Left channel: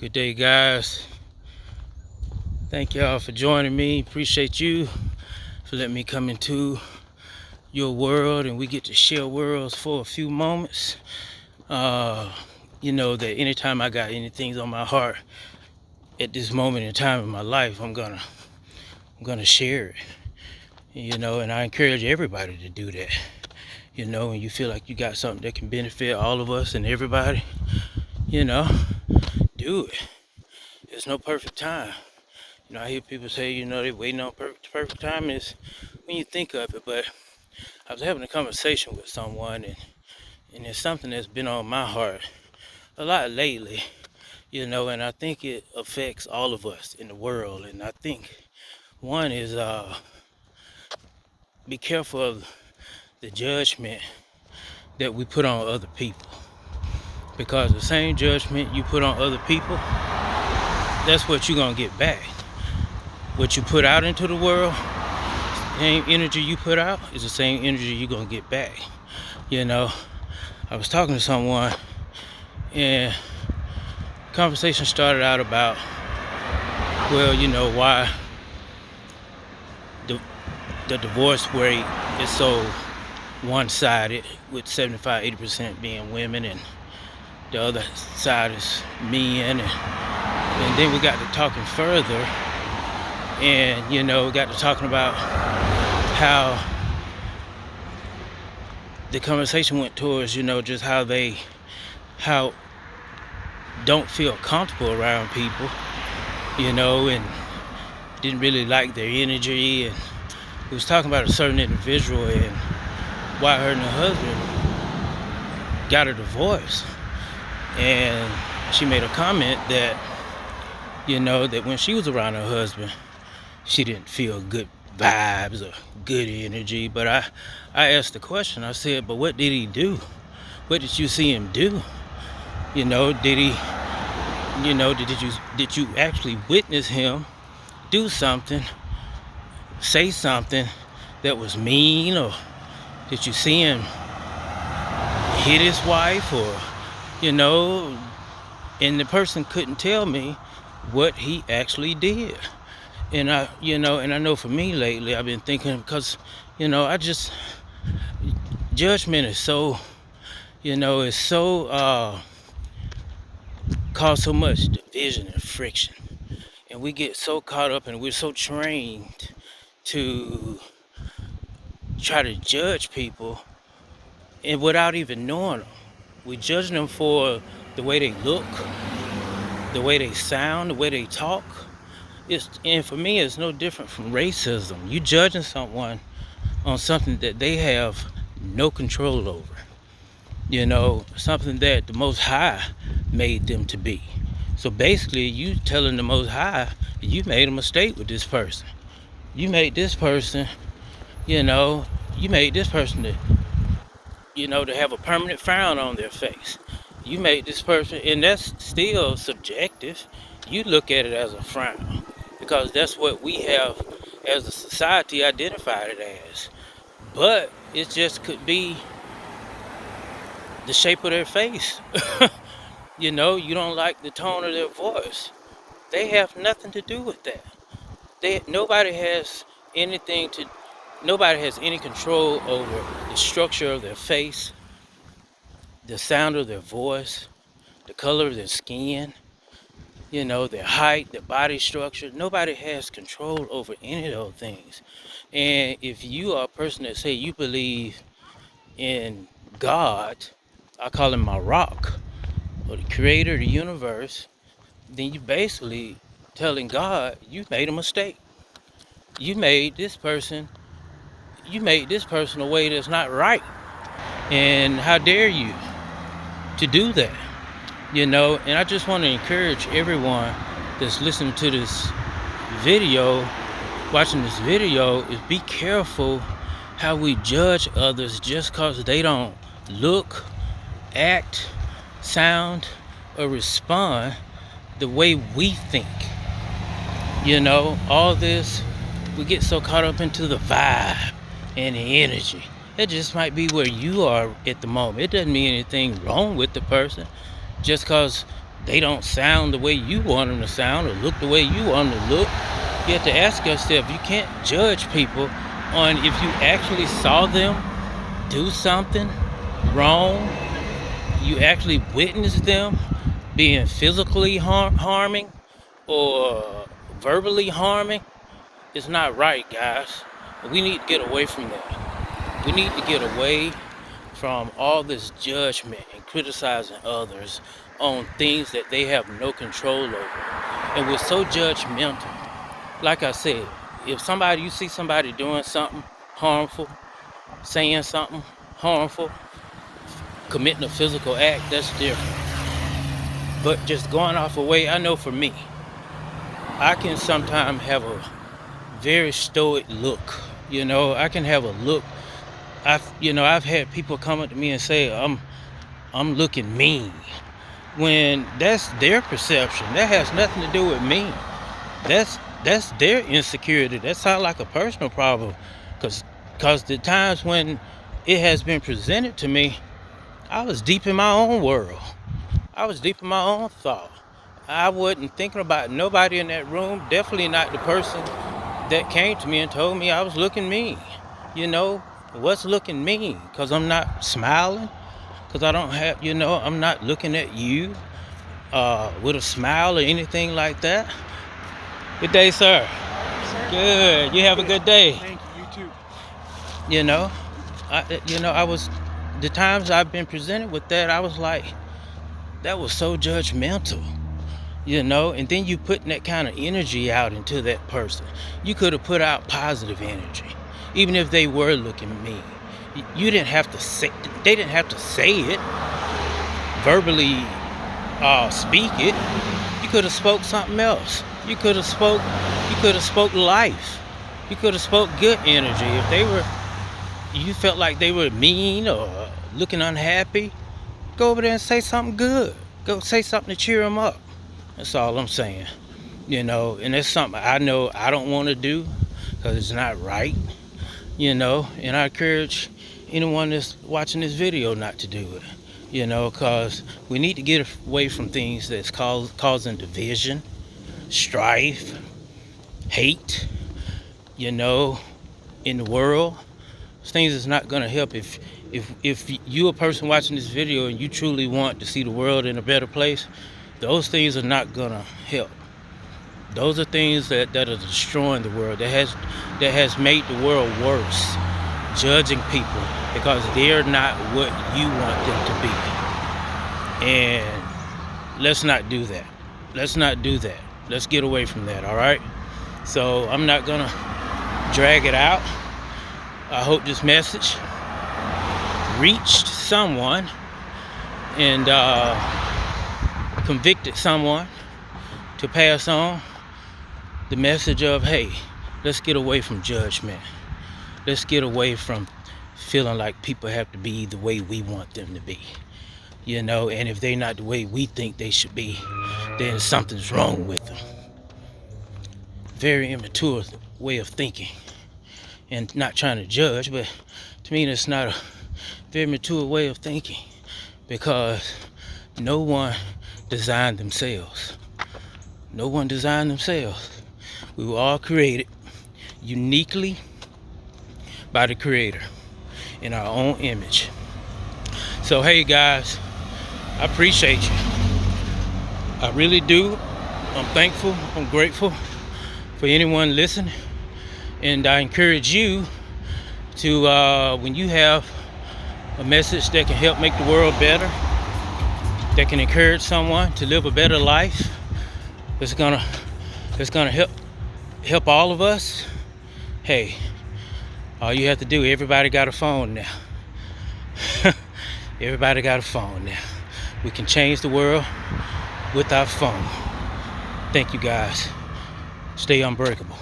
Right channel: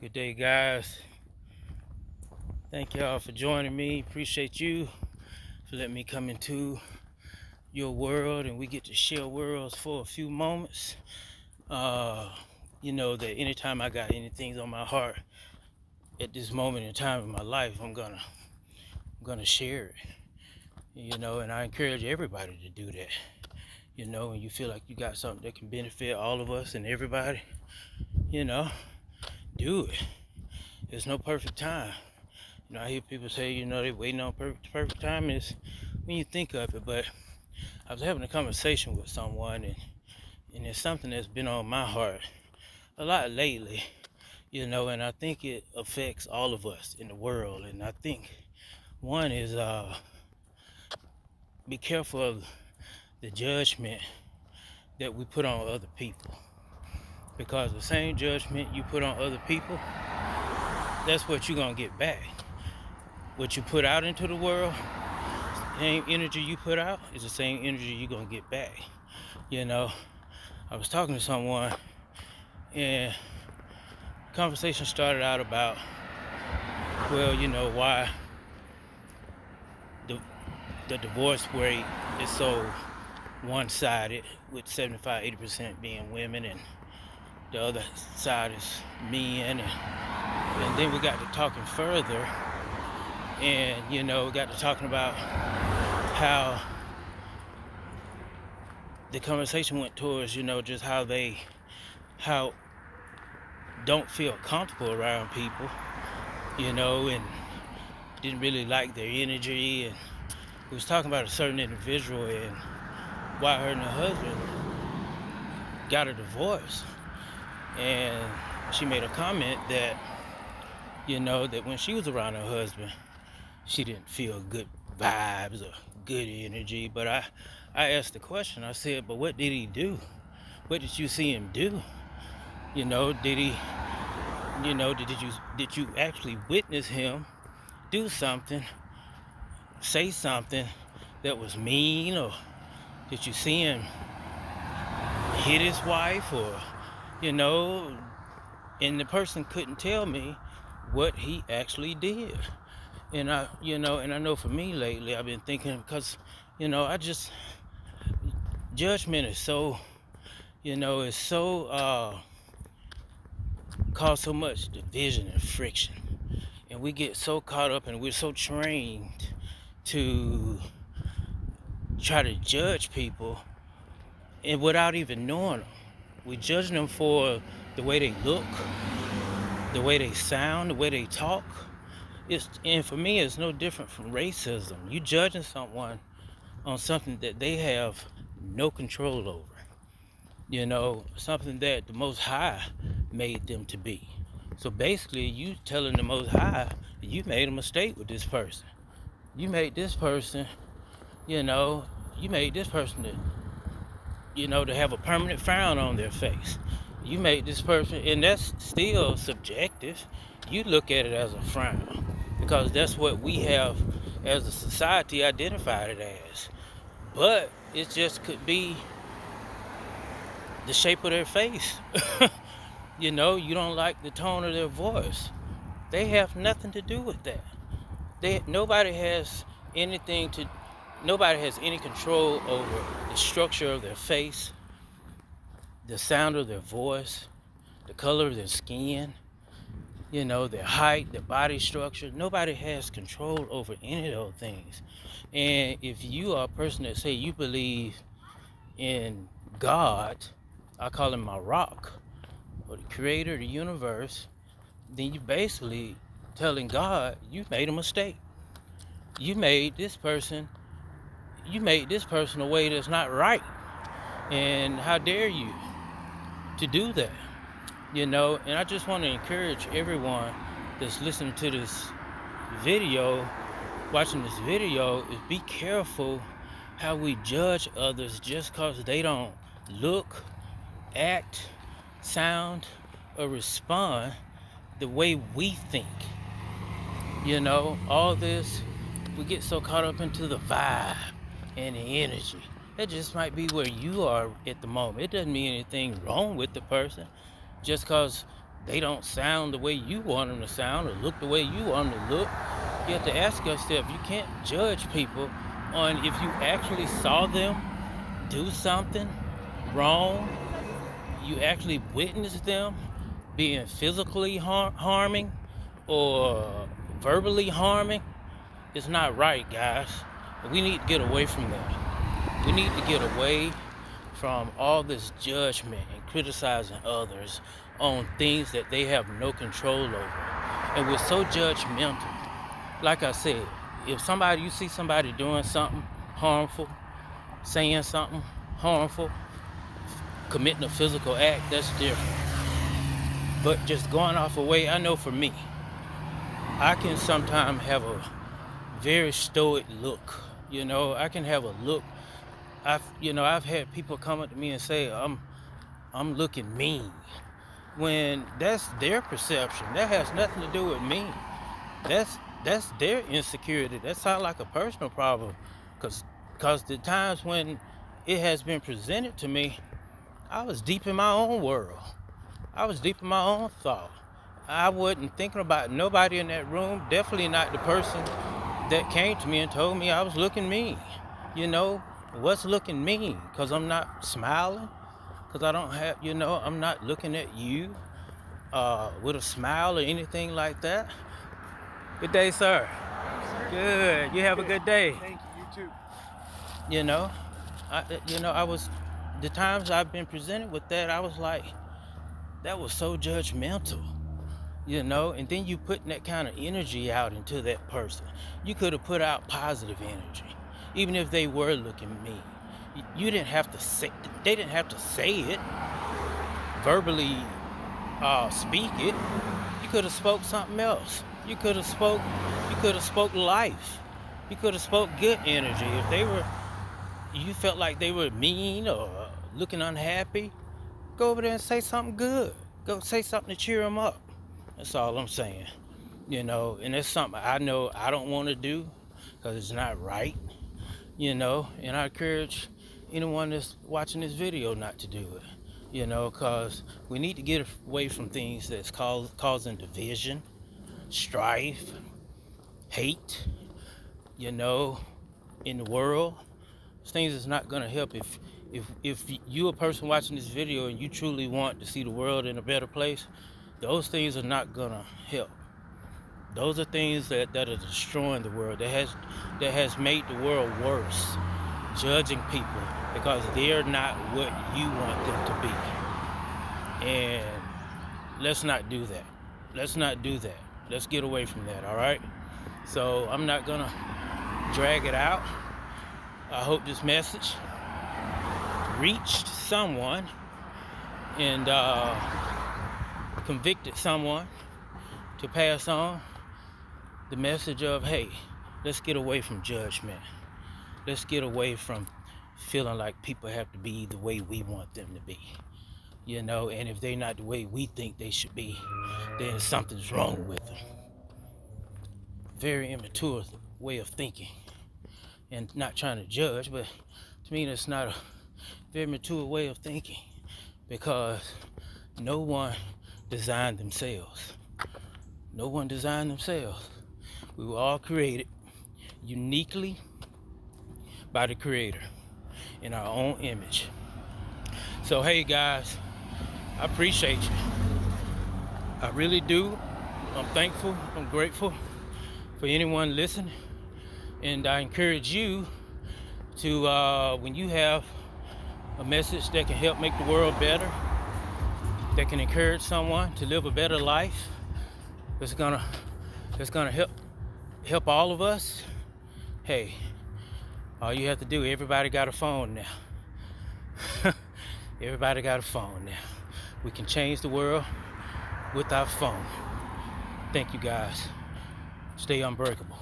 Good day, guys. Thank y'all for joining me. Appreciate you for letting me come into your world and we get to share worlds for a few moments. You know that anytime I got anything on my heart at this moment in time in my life, I'm gonna share it. You know, and I encourage everybody to do that. You know, when you feel like you got something that can benefit all of us and everybody, you know, do it. There's no perfect time. You know, I hear people say, you know, they're waiting on perfect time is when you think of it. But I was having a conversation with someone, and it's something that's been on my heart a lot lately, you know, and I think it affects all of us in the world. And I think one is be careful of the judgment that we put on other people. Because the same judgment you put on other people, that's what you're going to get back. What you put out into the world, the same energy you put out is the same energy you're going to get back. You know, I was talking to someone and conversation started out about, well, you know, why the divorce rate is so one-sided, with 75-80% being women and the other side is men. And then we got to talking further, and you know, got to talking about how the conversation went towards, you know, just how don't feel comfortable around people, you know, and didn't really like their energy. And we was talking about a certain individual and why her and her husband got a divorce. And she made a comment that, you know, that when she was around her husband, she didn't feel good vibes or good energy. But I asked the question, I said, but what did he do? What did you see him do? You know, did he, you know, did you actually witness him do something, say something that was mean, or did you see him hit his wife, or, you know, and the person couldn't tell me what he actually did. And I know for me lately, I've been thinking, because, you know, judgment is so, you know, it's so, cause so much division and friction. And we get so caught up and we're so trained to try to judge people and without even knowing them. We judge them for the way they look, the way they sound, the way they talk. And for me, it's no different from racism. You judging someone on something that they have no control over. You know, something that the Most High made them to be. So basically, you telling the Most High, you made a mistake with this person. You made this person, you know, to have a permanent frown on their face. You made this person, and that's still subjective. You look at it as a frown, because that's what we have as a society identified it as. But it just could be the shape of their face. You know, you don't like the tone of their voice. They have nothing to do with that. Nobody has any control over the structure of their face, the sound of their voice, the color of their skin, you know, their height, their body structure. Nobody has control over any of those things. And if you are a person that say you believe in God, I call him my rock, or the creator of the universe, then you basically telling God you made a mistake. You made this person a way that's not right. And how dare you to do that? You know, and I just want to encourage everyone that's listening to this video, watching this video, is be careful how we judge others just because they don't look, act, sound, or respond the way we think. You know, all this, we get so caught up into the vibe and the energy. It just might be where you are at the moment. It doesn't mean anything wrong with the person. Just because they don't sound the way you want them to sound or look the way you want them to look. You have to ask yourself, you can't judge people on if you actually saw them do something wrong. You actually witnessed them being physically harming or verbally harming. It's not right, guys. We need to get away from that. We need to get away from all this judgment and criticizing others on things that they have no control over. And we're so judgmental. Like I said, if you see somebody doing something harmful, saying something harmful, committing a physical act, that's different. But just going off away, I know for me, I can sometimes have a very stoic look. I can have a look. I've had people come up to me and say I'm looking mean, when that's their perception. That has nothing to do with me. That's their insecurity. That sounds like a personal problem, because the times when it has been presented to me, I was deep in my own world. I was deep in my own thought. I wasn't thinking about nobody in that room, definitely not the person that came to me and told me I was looking mean. What's looking mean? Because I'm not smiling? Because I don't have, I'm not looking at you with a smile or anything like that? Good day, sir. Good. You have a good day. Thank you. You too. I was, the times I've been presented with that, I was like, that was so judgmental. And then you putting that kind of energy out into that person. You could have put out positive energy, even if they were looking mean. They didn't have to say it, verbally speak it. You could have spoke something else. You could have spoke life. You could have spoke good energy. If you felt like they were mean or looking unhappy, go over there and say something good. Go say something to cheer them up. That's all I'm saying. And that's something I know I don't want to do, because it's not right. And I encourage anyone that's watching this video not to do it. Because we need to get away from things that's causing division, strife, hate, in the world. Things is not going to help. If you're a person watching this video and you truly want to see the world in a better place, those things are not going to help. Those are things that are destroying the world, that has made the world worse. Judging people because they're not what you want them to be. And let's not do that. Let's get away from that, all right? So I'm not going to drag it out. I hope this message reached someone and convicted someone to pass on the message of, hey, let's get away from judgment. Let's get away from feeling like people have to be the way we want them to be. And if they're not the way we think they should be, then something's wrong with them. Very immature way of thinking. And not trying to judge, but to me that's not a very mature way of thinking, because no one designed themselves. No one designed themselves. We were all created uniquely by the Creator in our own image. So hey guys, I appreciate you. I really do. I'm thankful, I'm grateful for anyone listening. And I encourage you to, when you have a message that can help make the world better, that can encourage someone to live a better life, it's gonna help all of us. Hey, all you have to do, everybody got a phone now. Everybody got a phone now. We can change the world with our phone. Thank you guys. Stay unbreakable.